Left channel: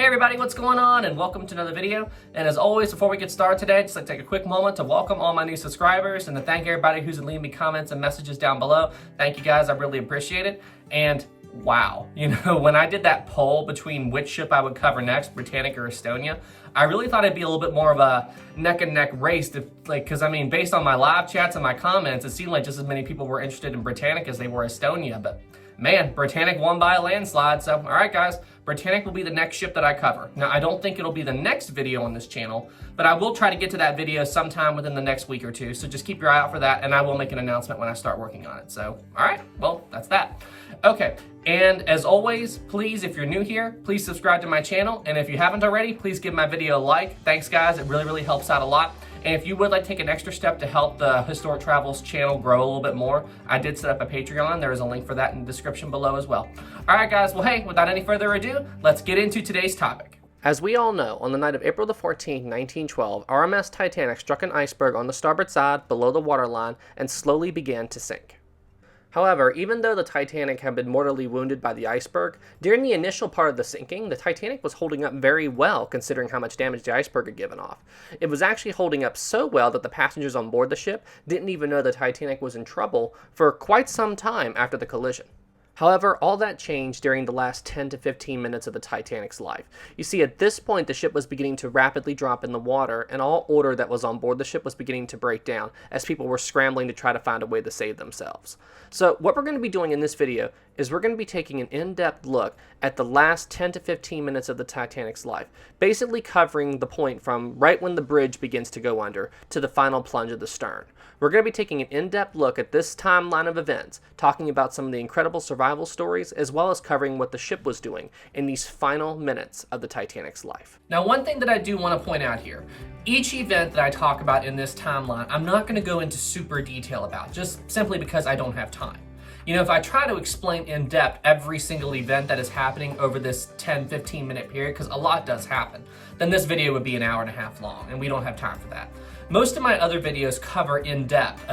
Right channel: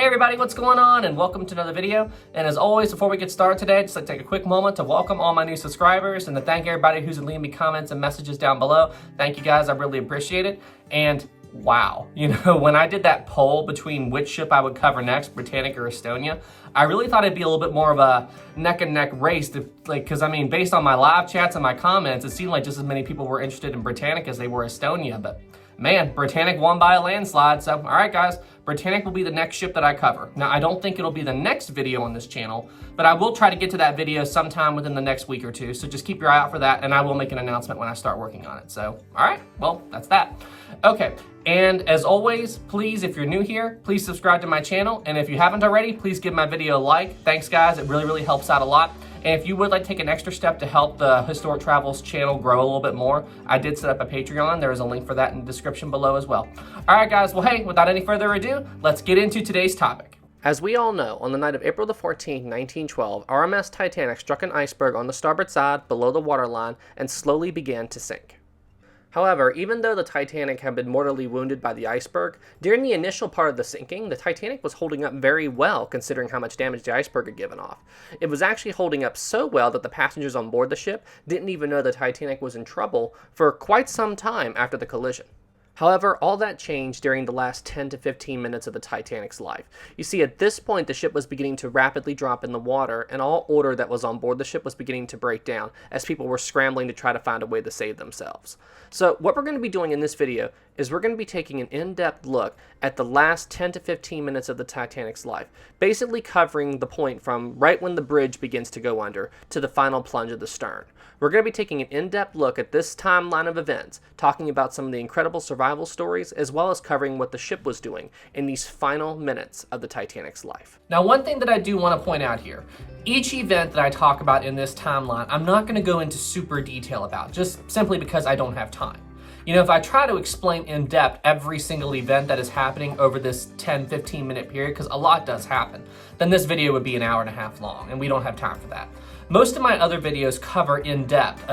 Hey everybody, what's going on? And welcome to another video. And as always, before we get started today, I'd just like to take a quick moment to welcome all my new subscribers and to thank everybody who's been leaving me comments and messages down below. Thank you guys, I really appreciate it. And wow, when I did that poll between which ship I would cover next, Britannic or Estonia, I really thought it'd be a little bit more of a neck and neck race because I mean, based on my live chats and my comments, it seemed like just as many people were interested in Britannic as they were Estonia, but man, Britannic won by a landslide. So, all right, guys, Britannic will be the next ship that I cover. Now, I don't think it'll be the next video on this channel, but I will try to get to that video sometime within the next week or two. So just keep your eye out for that, and I will make an announcement when I start working on it. So, all right, well, that's that. Okay, and as always, please, if you're new here, please subscribe to my channel. And if you haven't already, please give my video a like. Thanks, guys. It really, really helps out a lot. And if you would like to take an extra step to help the Historic Travels channel grow a little bit more, I did set up a Patreon. There is a link for that in the description below as well. All right, guys. Well, hey, without any further ado, let's get into today's topic. As we all know, on the night of April the 14th, 1912, RMS Titanic struck an iceberg on the starboard side below the waterline and slowly began to sink. However, even though the Titanic had been mortally wounded by the iceberg, during the initial part of the sinking, the Titanic was holding up very well considering how much damage the iceberg had given off. It was actually holding up so well that the passengers on board the ship didn't even know the Titanic was in trouble for quite some time after the collision. However, all that changed during the last 10 to 15 minutes of the Titanic's life. You see, at this point, the ship was beginning to rapidly drop in the water, and all order that was on board the ship was beginning to break down as people were scrambling to try to find a way to save themselves. So what we're going to be doing in this video is we're going to be taking an in-depth look at the last 10 to 15 minutes of the Titanic's life, basically covering the point from right when the bridge begins to go under to the final plunge of the stern. We're going to be taking an in-depth look at this timeline of events, talking about some of the incredible survival stories, as well as covering what the ship was doing in these final minutes of the Titanic's life. Now, one thing that I do want to point out here, each event that I talk about in this timeline, I'm not going to go into super detail about, just simply because I don't have time. If I try to explain in depth every single event that is happening over this 10-15 minute period, because a lot does happen, then this video would be an hour and a half long, and we don't have time for that. Most of my other videos cover in depth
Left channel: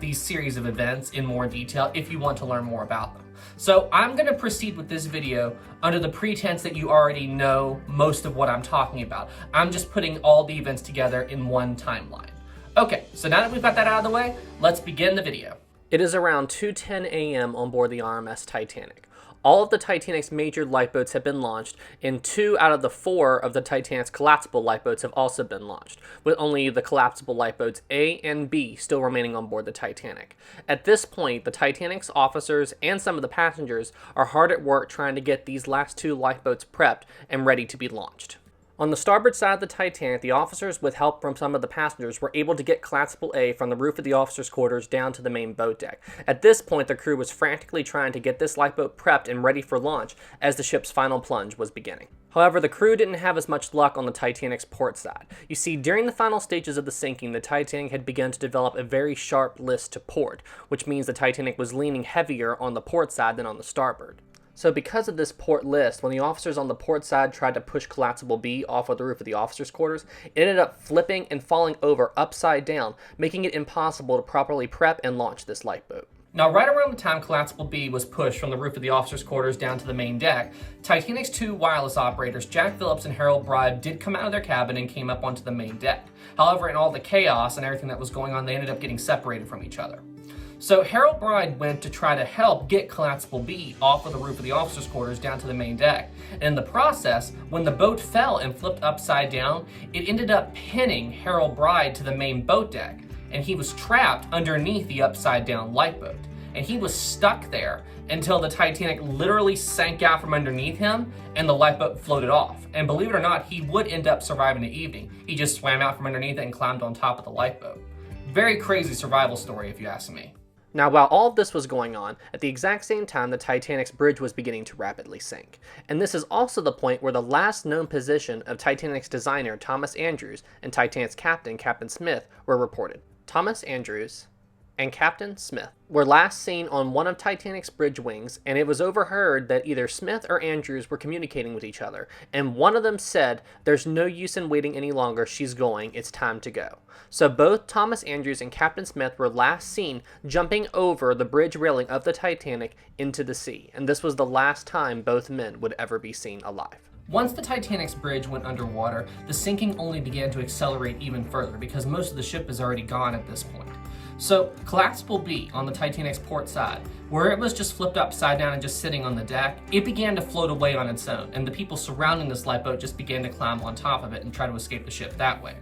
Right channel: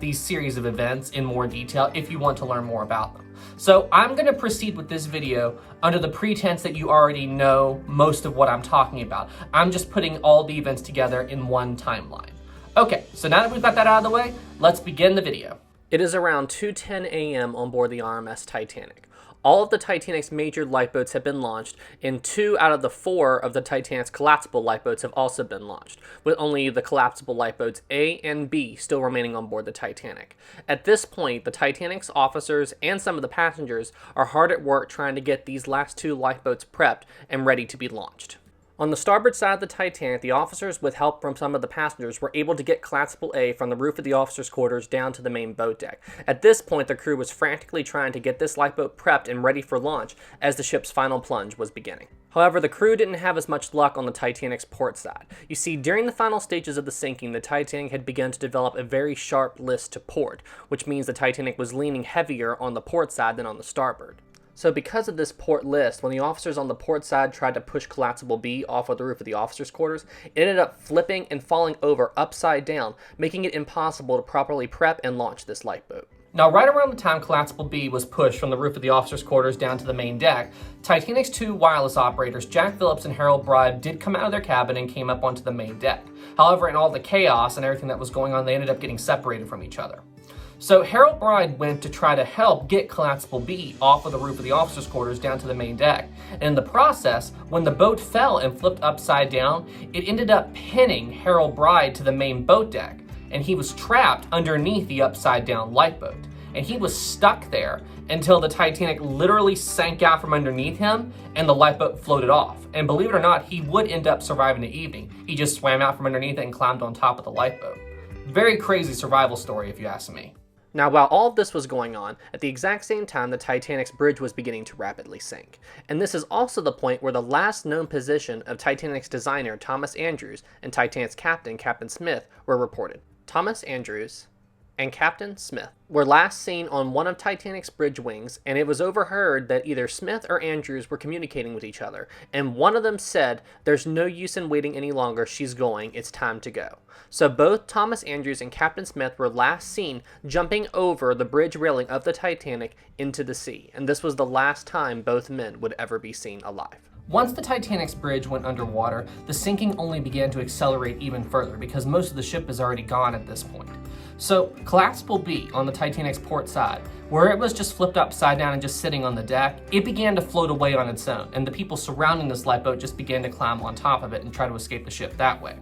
these series of events in more detail if you want to learn more about them. So I'm going to proceed with this video under the pretense that you already know most of what I'm talking about. I'm just putting all the events together in one timeline. Okay, so now that we've got that out of the way, let's begin the video. It is around 2:10 a.m. on board the RMS Titanic. All of the Titanic's major lifeboats have been launched, and 2 out of the 4 of the Titanic's collapsible lifeboats have also been launched, with only the collapsible lifeboats A and B still remaining on board the Titanic. At this point, the Titanic's officers and some of the passengers are hard at work trying to get these last 2 lifeboats prepped and ready to be launched. On the starboard side of the Titanic, the officers, with help from some of the passengers, were able to get collapsible A from the roof of the officers' quarters down to the main boat deck. At this point, the crew was frantically trying to get this lifeboat prepped and ready for launch as the ship's final plunge was beginning. However, the crew didn't have as much luck on the Titanic's port side. You see, during the final stages of the sinking, the Titanic had begun to develop a very sharp list to port, which means the Titanic was leaning heavier on the port side than on the starboard. So because of this port list, when the officers on the port side tried to push collapsible B off of the roof of the officers' quarters, it ended up flipping and falling over upside down, making it impossible to properly prep and launch this lifeboat. Now, right around the time collapsible B was pushed from the roof of the officers' quarters down to the main deck, Titanic's 2 wireless operators, Jack Phillips and Harold Bride, did come out of their cabin and came up onto the main deck. However, in all the chaos and everything that was going on, they ended up getting separated from each other. So Harold Bride went to try to help get collapsible B off of the roof of the officers' quarters down to the main deck. And in the process, when the boat fell and flipped upside down, it ended up pinning Harold Bride to the main boat deck, and he was trapped underneath the upside down lifeboat. And he was stuck there until the Titanic literally sank out from underneath him and the lifeboat floated off. And believe it or not, he would end up surviving the evening. He just swam out from underneath it and climbed on top of the lifeboat. Very crazy survival story, if you ask me. Now, while all of this was going on, at the exact same time, the Titanic's bridge was beginning to rapidly sink. And this is also the point where the last known position of Titanic's designer, Thomas Andrews, and Titanic's captain, Captain Smith, were reported. Thomas Andrews and Captain Smith were last seen on one of Titanic's bridge wings, and it was overheard that either Smith or Andrews were communicating with each other, and one of them said, "There's no use in waiting any longer, she's going, it's time to go." So both Thomas Andrews and Captain Smith were last seen jumping over the bridge railing of the Titanic into the sea, and this was the last time both men would ever be seen alive. Once the Titanic's bridge went underwater, the sinking only began to accelerate even further because most of the ship is already gone at this point. So, collapsible B on the Titanic's port side, where it was just flipped upside down and just sitting on the deck, it began to float away on its own, and the people surrounding this lifeboat just began to climb on top of it and try to escape the ship that way.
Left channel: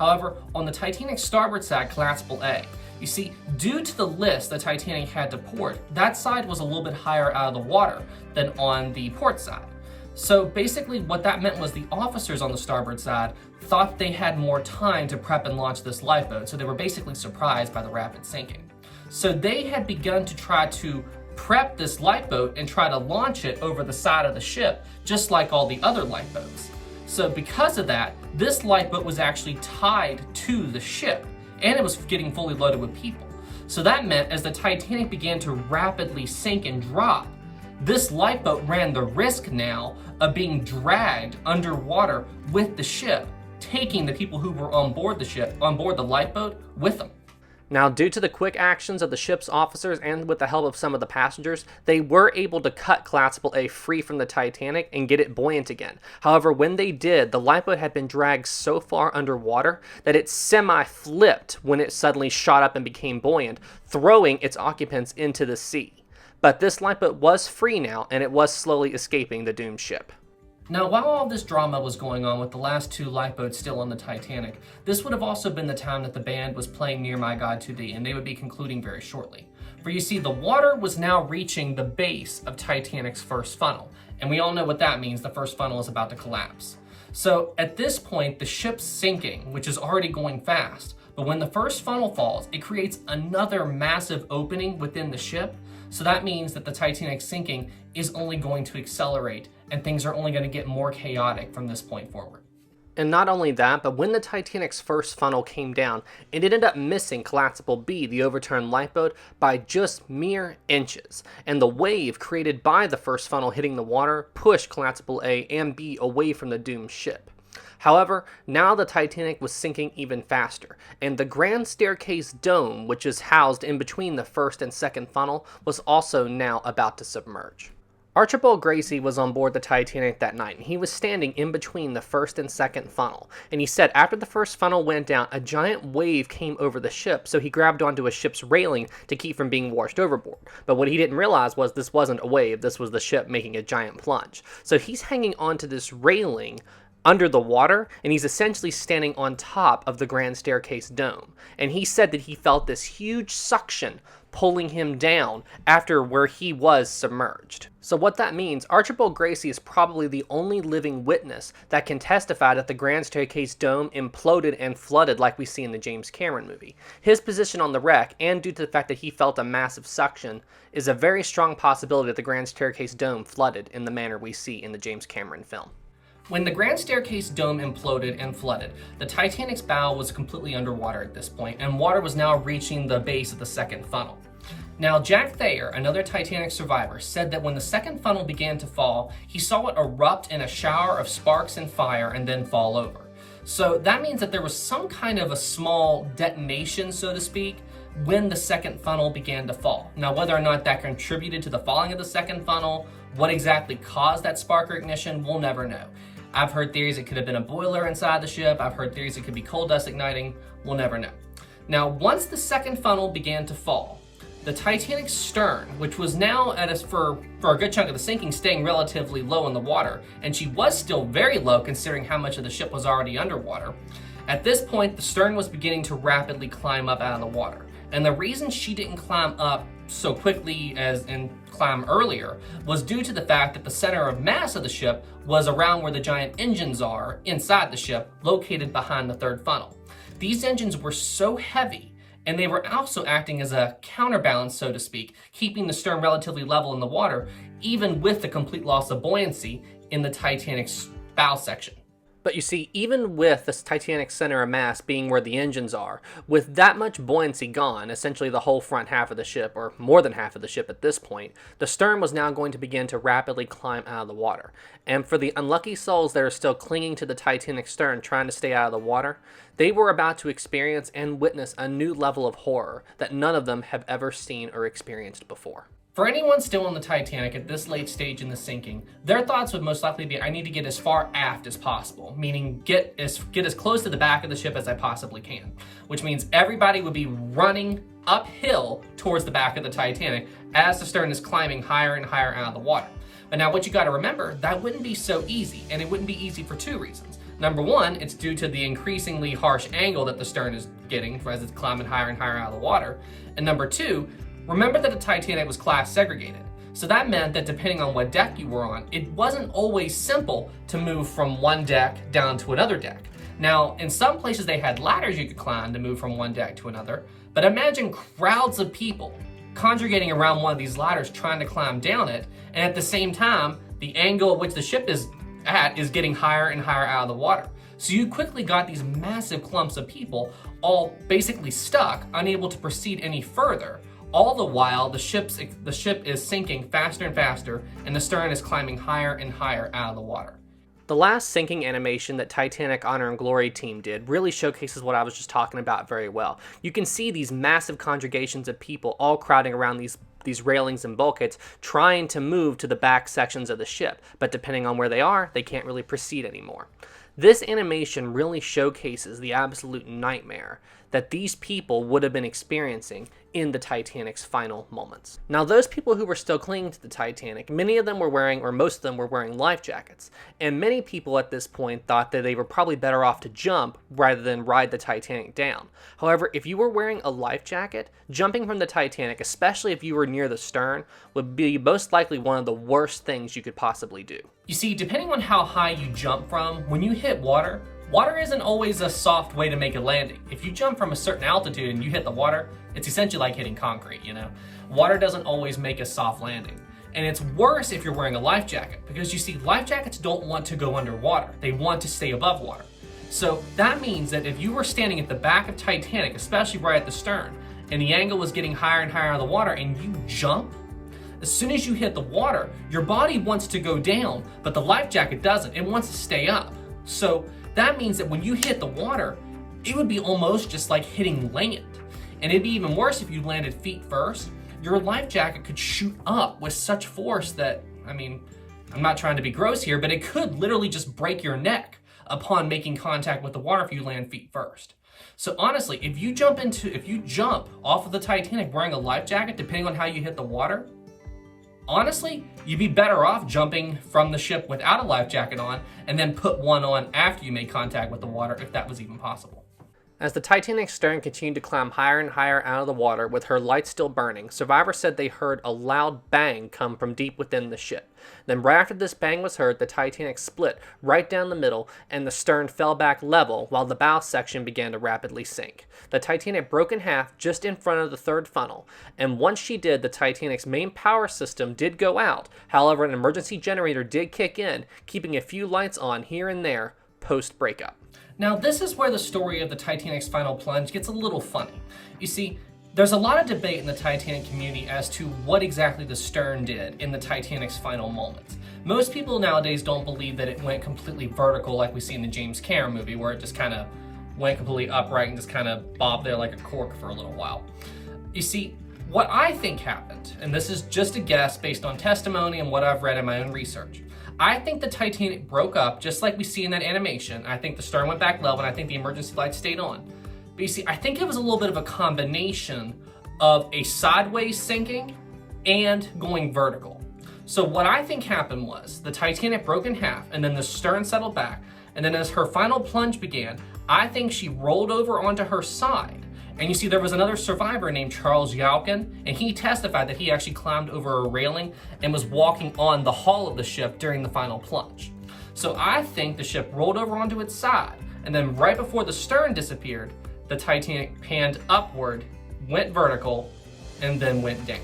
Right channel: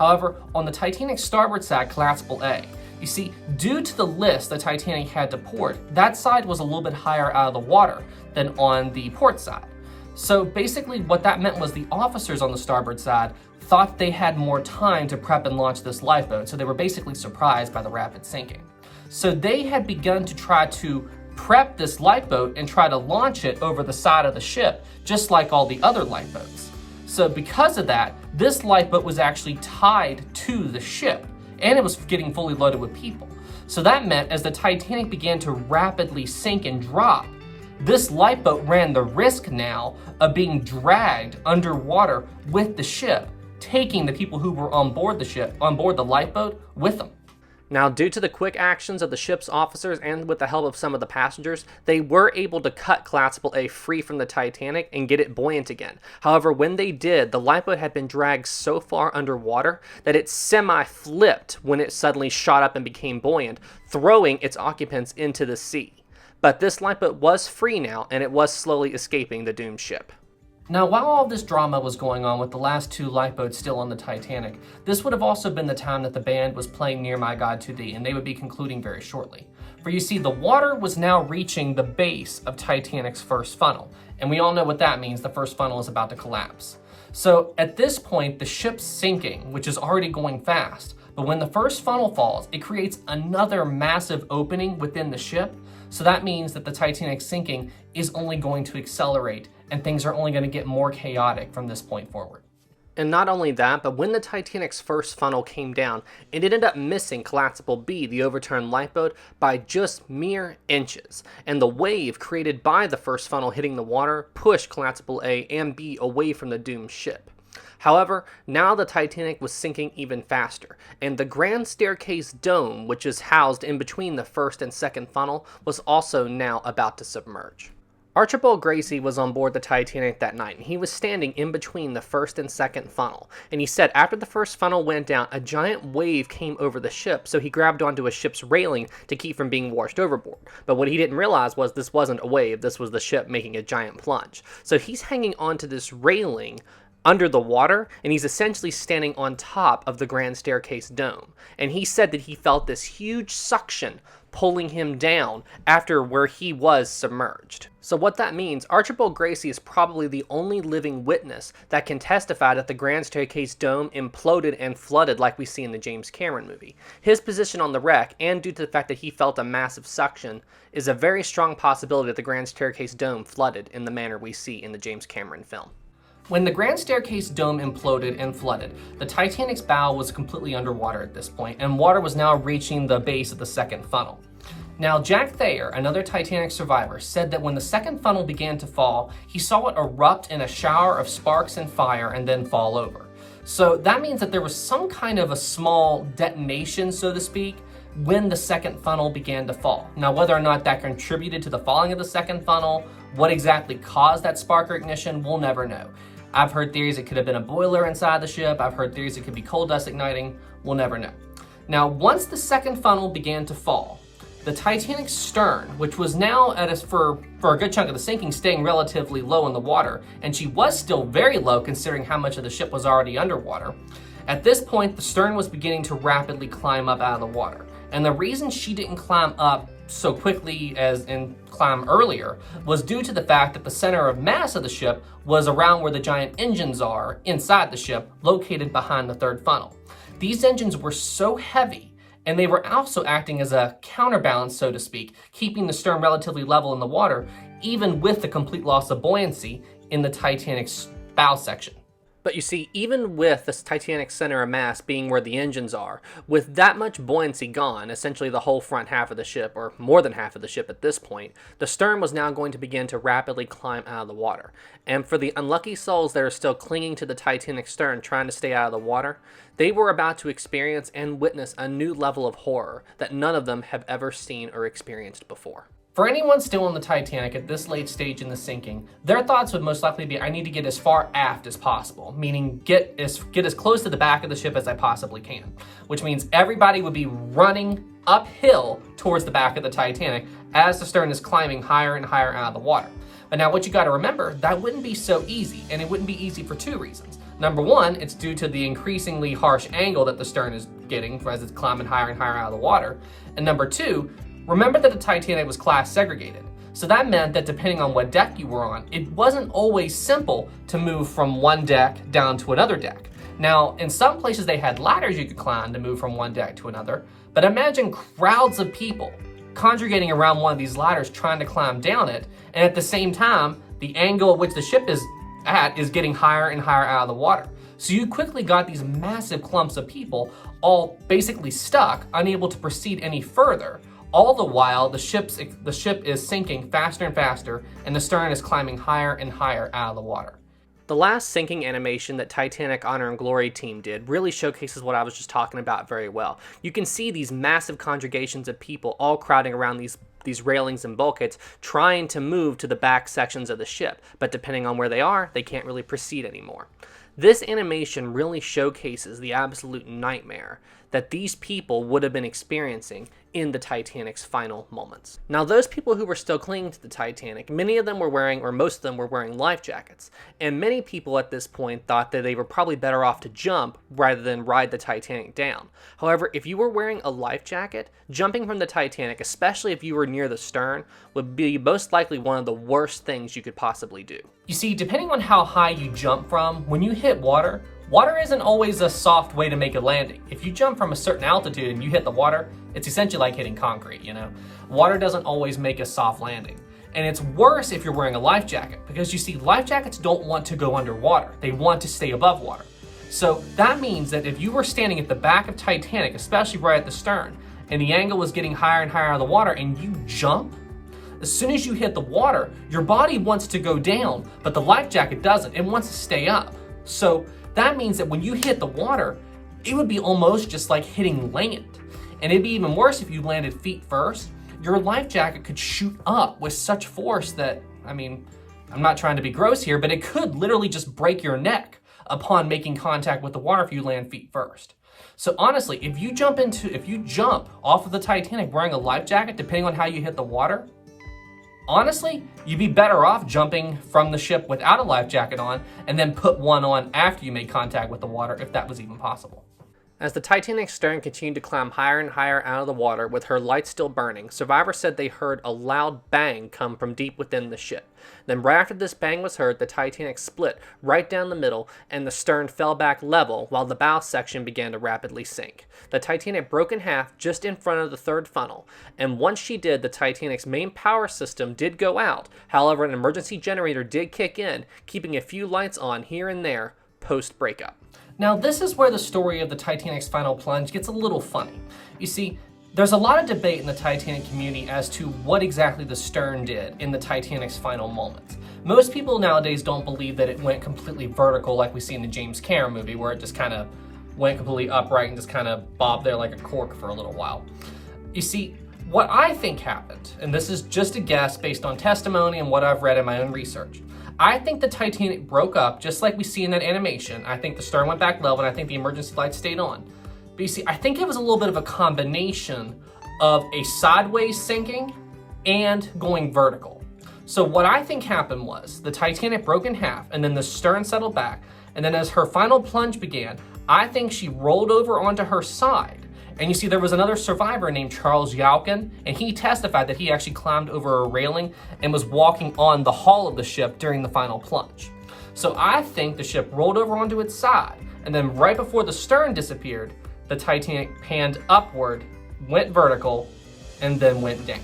However, on the Titanic's starboard side, collapsible A, you see, due to the list the Titanic had to port, that side was a little bit higher out of the water than on the port side. So basically what that meant was the officers on the starboard side thought they had more time to prep and launch this lifeboat, so they were basically surprised by the rapid sinking. So they had begun to try to prep this lifeboat and try to launch it over the side of the ship, just like all the other lifeboats. So because of that, this lifeboat was actually tied to the ship, and it was getting fully loaded with people. So that meant as the Titanic began to rapidly sink and drop, this lifeboat ran the risk now of being dragged underwater with the ship, taking the people who were on board the ship, on board the lifeboat, with them. Now, due to the quick actions of the ship's officers and with the help of some of the passengers, they were able to cut collapsible A free from the Titanic and get it buoyant again. However, when they did, the lifeboat had been dragged so far underwater that it semi-flipped when it suddenly shot up and became buoyant, throwing its occupants into the sea. But this lifeboat was free now, and it was slowly escaping the doomed ship. Now, while all this drama was going on with the last two lifeboats still on the Titanic, this would have also been the time that the band was playing Near My God to Thee, and they would be concluding very shortly. For you see, the water was now reaching the base of Titanic's first funnel, and we all know what that means. The first funnel is about to collapse. So at this point, the ship's sinking, which is already going fast, but when the first funnel falls, it creates another massive opening within the ship. So that means that the Titanic sinking is only going to accelerate, and things are only going to get more chaotic from this point forward. And not only that, but when the Titanic's first funnel came down, it ended up missing collapsible B, the overturned lifeboat, by just mere inches. And the wave created by the first funnel hitting the water pushed collapsible A and B away from the doomed ship. However, now the Titanic was sinking even faster, and the grand staircase dome, which is housed in between the first and second funnel, was also now about to submerge. Archibald Gracie was on board the Titanic that night, and he was standing in between the first and second funnel. And he said after the first funnel went down, a giant wave came over the ship, so he grabbed onto a ship's railing to keep from being washed overboard. But what he didn't realize was this wasn't a wave, this was the ship making a giant plunge. So he's hanging onto this railing under the water, and he's essentially standing on top of the grand staircase dome. And he said that he felt this huge suction pulling him down after where he was submerged. So what that means, Archibald Gracie is probably the only living witness that can testify that the grand staircase dome imploded and flooded like we see in the James Cameron movie. His position on the wreck, and due to the fact that he felt a massive suction, is a very strong possibility that the grand staircase dome flooded in the manner we see in the James Cameron film. When the grand staircase dome imploded and flooded, the Titanic's bow was completely underwater at this point, and water was now reaching the base of the second funnel. Now, Jack Thayer, another Titanic survivor, said that when the second funnel began to fall, he saw it erupt in a shower of sparks and fire and then fall over. So that means that there was some kind of a small detonation, so to speak, when the second funnel began to fall. Now, whether or not that contributed to the falling of the second funnel, what exactly caused that spark ignition, we'll never know. I've heard theories it could have been a boiler inside the ship. I've heard theories it could be coal dust igniting. We'll never know. Now, once the second funnel began to fall, the Titanic's stern, which was now for a good chunk of the sinking, staying relatively low in the water, and she was still very low considering how much of the ship was already underwater. At this point, the stern was beginning to rapidly climb up out of the water. And the reason she didn't climb up so quickly as in climb earlier was due to the fact that the center of mass of the ship was around where the giant engines are inside the ship, located behind the third funnel. These engines were so heavy, and they were also acting as a counterbalance, so to speak, keeping the stern relatively level in the water, even with the complete loss of buoyancy in the Titanic's bow section. But you see, even with this Titanic center of mass being where the engines are, with that much buoyancy gone, essentially the whole front half of the ship, or more than half of the ship at this point, the stern was now going to begin to rapidly climb out of the water. And for the unlucky souls that are still clinging to the Titanic stern trying to stay out of the water, they were about to experience and witness a new level of horror that none of them have ever seen or experienced before. For anyone still on the Titanic at this late stage in the sinking, their thoughts would most likely be, I need to get as far aft as possible, meaning get as close to the back of the ship as I possibly can, which means everybody would be running uphill towards the back of the Titanic as the stern is climbing higher and higher out of the water. But now what you got to remember, that wouldn't be so easy, and it wouldn't be easy for two reasons. Number one, it's due to the increasingly harsh angle that the stern is getting as it's climbing higher and higher out of the water. And number two, remember that the Titanic was class segregated. So that meant that depending on what deck you were on, it wasn't always simple to move from one deck down to another deck. Now, in some places they had ladders you could climb to move from one deck to another, but imagine crowds of people congregating around one of these ladders trying to climb down it, and at the same time, the angle at which the ship is at is getting higher and higher out of the water. So you quickly got these massive clumps of people all basically stuck, unable to proceed any further. All the while, the ship is sinking faster and faster, and the stern is climbing higher and higher out of the water. The last sinking animation that Titanic Honor and Glory team did really showcases what I was just talking about very well. You can see these massive congregations of people all crowding around these railings and bulkheads, trying to move to the back sections of the ship, but depending on where they are, they can't really proceed anymore. This animation really showcases the absolute nightmare that these people would have been experiencing in the Titanic's final moments. Now, those people who were still clinging to the Titanic, many of them were wearing, or most of them were wearing life jackets, and many people at this point thought that they were probably better off to jump rather than ride the Titanic down. However, if you were wearing a life jacket, jumping from the Titanic, especially if you were near the stern, would be most likely one of the worst things you could possibly do. You see, depending on how high you jump from, when you hit water isn't always a soft way to make a landing. If you jump from a certain altitude and you hit the water, it's essentially like hitting concrete, you know? Water doesn't always make a soft landing. And it's worse if you're wearing a life jacket, because you see, life jackets don't want to go underwater. They want to stay above water. So that means that if you were standing at the back of Titanic, especially right at the stern, and the angle was getting higher and higher out of the water, and you jump, as soon as you hit the water, your body wants to go down, but the life jacket doesn't. It wants to stay up. So that means that when you hit the water, it would be almost just like hitting land. And it'd be even worse if you landed feet first. Your life jacket could shoot up with such force that, I mean, I'm not trying to be gross here, but it could literally just break your neck upon making contact with the water if you land feet first. So honestly, if you jump off of the Titanic wearing a life jacket, depending on how you hit the water, honestly, you'd be better off jumping from the ship without a life jacket on and then put one on after you made contact with the water, if that was even possible. As the Titanic's stern continued to climb higher and higher out of the water with her lights still burning, survivors said they heard a loud bang come from deep within the ship. Then right after this bang was heard, the Titanic split right down the middle and the stern fell back level while the bow section began to rapidly sink. The Titanic broke in half just in front of the third funnel, and once she did, the Titanic's main power system did go out. However, an emergency generator did kick in, keeping a few lights on here and there post-breakup. Now, this is where the story of the Titanic's final plunge gets a little funny. You see, there's a lot of debate in the Titanic community as to what exactly the stern did in the Titanic's final moments. Most people nowadays don't believe that it went completely vertical like we see in the James Cameron movie, where it just kind of went completely upright and just kind of bobbed there like a cork for a little while. You see, what I think happened, and this is just a guess based on testimony and what I've read in my own research, I think the Titanic broke up just like we see in that animation. I think the stern went back level, and I think the emergency lights stayed on. But you see, I think it was a little bit of a combination of a sideways sinking and going vertical. So what I think happened was the Titanic broke in half, and then the stern settled back, and then as her final plunge began, I think she rolled over onto her side. And you see, there was another survivor named Charles Yaukin, and he testified that he actually climbed over a railing and was walking on the hull of the ship during the final plunge. So I think the ship rolled over onto its side, and then right before the stern disappeared, the Titanic panned upward, went vertical, and then went down.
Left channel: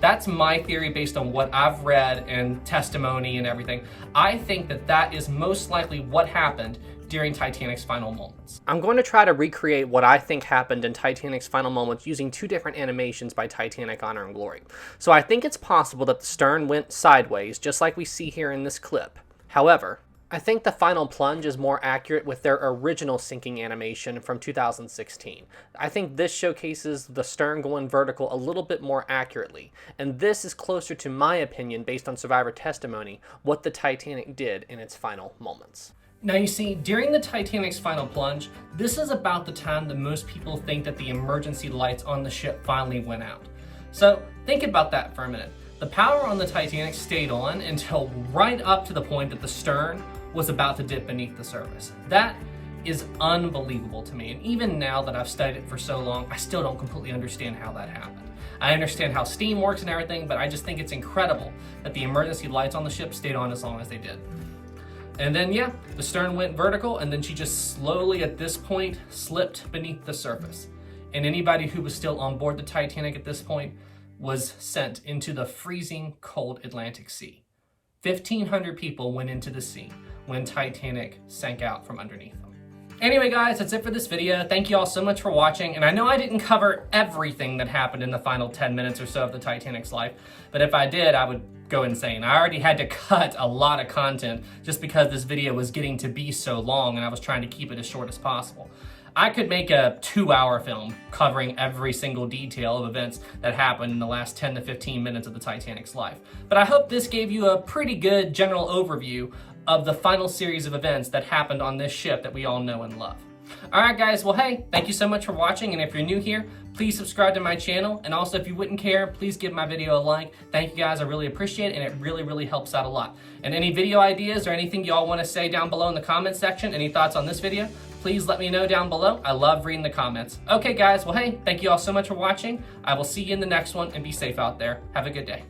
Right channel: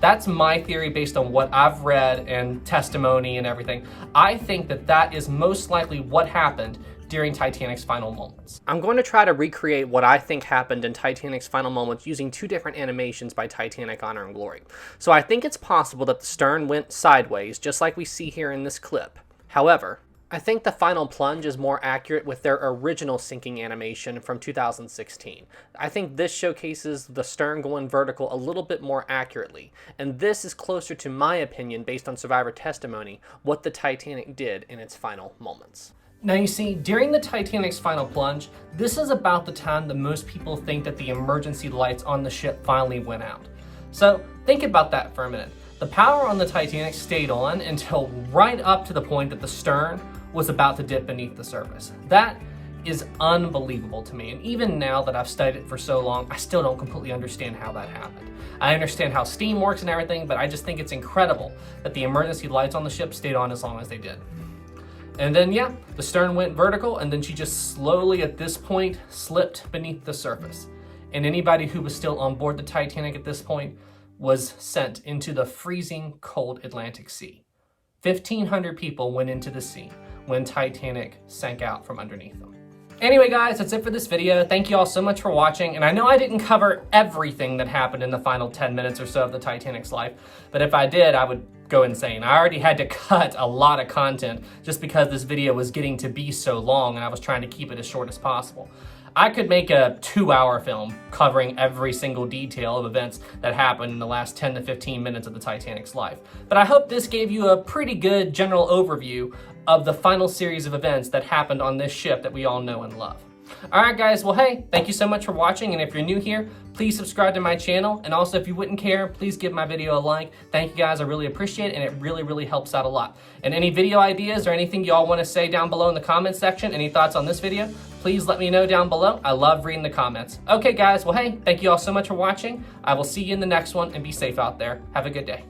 That's my theory based on what I've read and testimony and everything. I think that that is most likely what happened during Titanic's final moments. I'm going to try to recreate what I think happened in Titanic's final moments using two different animations by Titanic Honor and Glory. So I think it's possible that the stern went sideways, just like we see here in this clip. However, I think the final plunge is more accurate with their original sinking animation from 2016. I think this showcases the stern going vertical a little bit more accurately, and this is closer to my opinion, based on survivor testimony, what the Titanic did in its final moments. Now you see, during the Titanic's final plunge, this is about the time that most people think that the emergency lights on the ship finally went out. So think about that for a minute. The power on the Titanic stayed on until right up to the point that the stern was about to dip beneath the surface. That is unbelievable to me, and even now that I've studied it for so long, I still don't completely understand how that happened. I understand how steam works and everything, but I just think it's incredible that the emergency lights on the ship stayed on as long as they did. And then, yeah, the stern went vertical, and then she just slowly, at this point, slipped beneath the surface. And anybody who was still on board the Titanic at this point was sent into the freezing cold Atlantic Sea. 1,500 people went into the sea when Titanic sank out from underneath them. Anyway guys, that's it for this video. Thank you all so much for watching, and I know I didn't cover everything that happened in the final 10 minutes or so of the Titanic's life, but if I did, I would go insane. I already had to cut a lot of content just because this video was getting to be so long and I was trying to keep it as short as possible. I could make a 2-hour film covering every single detail of events that happened in the last 10 to 15 minutes of the Titanic's life. But I hope this gave you a pretty good general overview of the final series of events that happened on this ship that we all know and love. Alright guys, well hey, thank you so much for watching, and if you're new here, please subscribe to my channel, and also if you wouldn't care, please give my video a like. Thank you guys, I really appreciate it, and it really helps out a lot. And any video ideas or anything y'all want to say down below in the comments section, any thoughts on this video, please let me know down below. I love reading the comments. Okay guys, well hey, thank you all so much for watching. I will see you in the next one, and be safe out there. Have a good day.